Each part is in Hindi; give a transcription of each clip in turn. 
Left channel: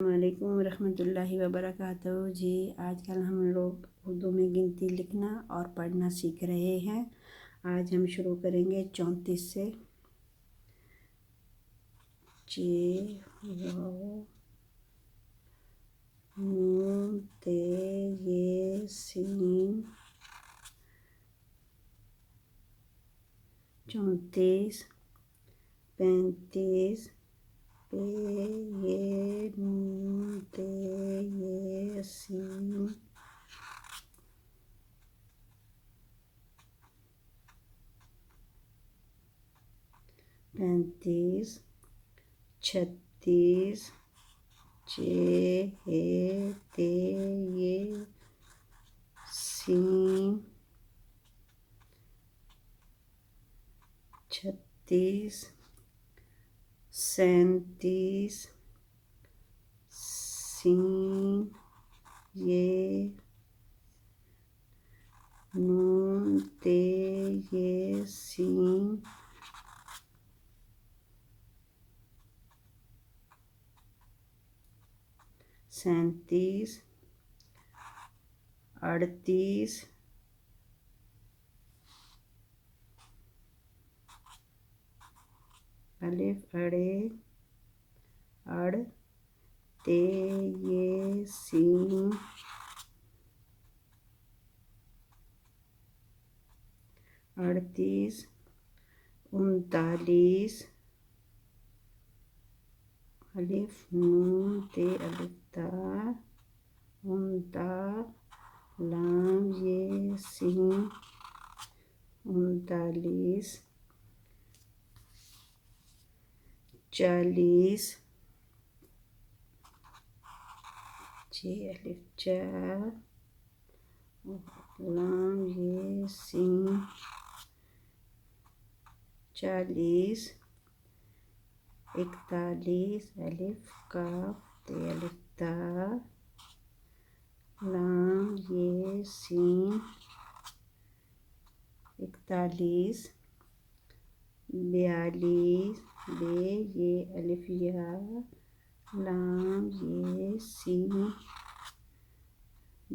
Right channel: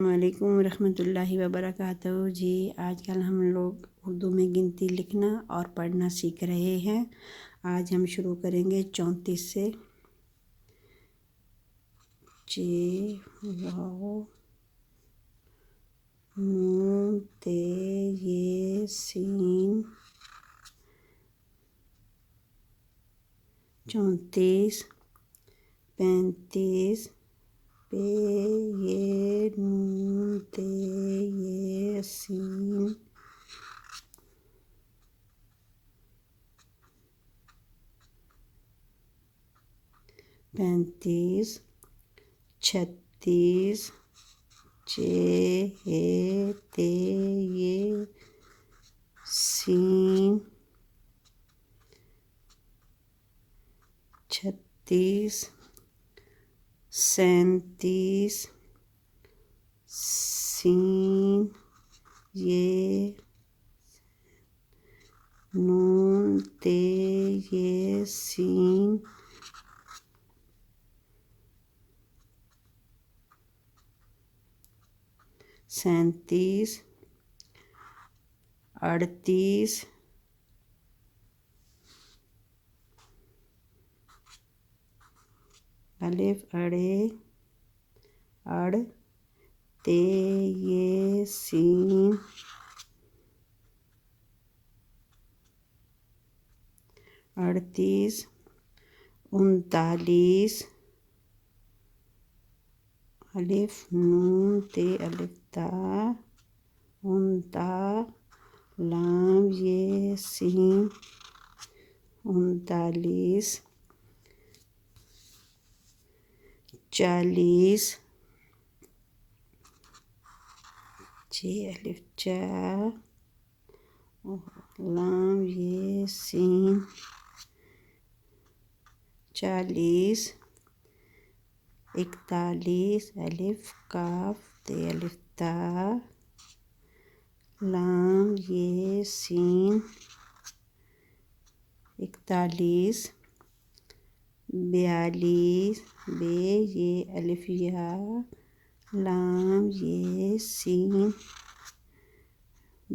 वालेकुम रहमतुल्लाहि व बरकातहू। जी आजकल हम लोग उर्दू में गिनती लिखना और पढ़ना सीख रहे हैं। आज हम शुरू करेंगे 34 से। जे वाओ नून ते ये सीन 34 35 पे ये नून ते ये सीन 35 36 जे हे ते ये सीन 36 37 सीन ये नून ते ये सीन 37 38 अलिफ अड़े अड़ ते ये सीन 38 39 अलिफ नून ते अलिफ ता उनता लाम ये सीन 39 40 जे अलिफ चा लाम ये सीन 40 41 अलिफ काफ ते अलिफ ता लाम ये सीन 41 42 बे ये अलिफ या लाम ये सीन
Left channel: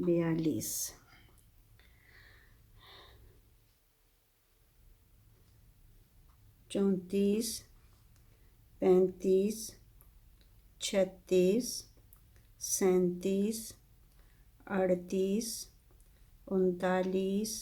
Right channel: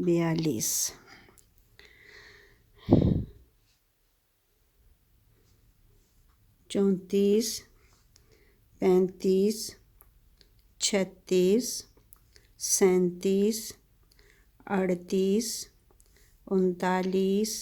42 34 35 36 37 38 39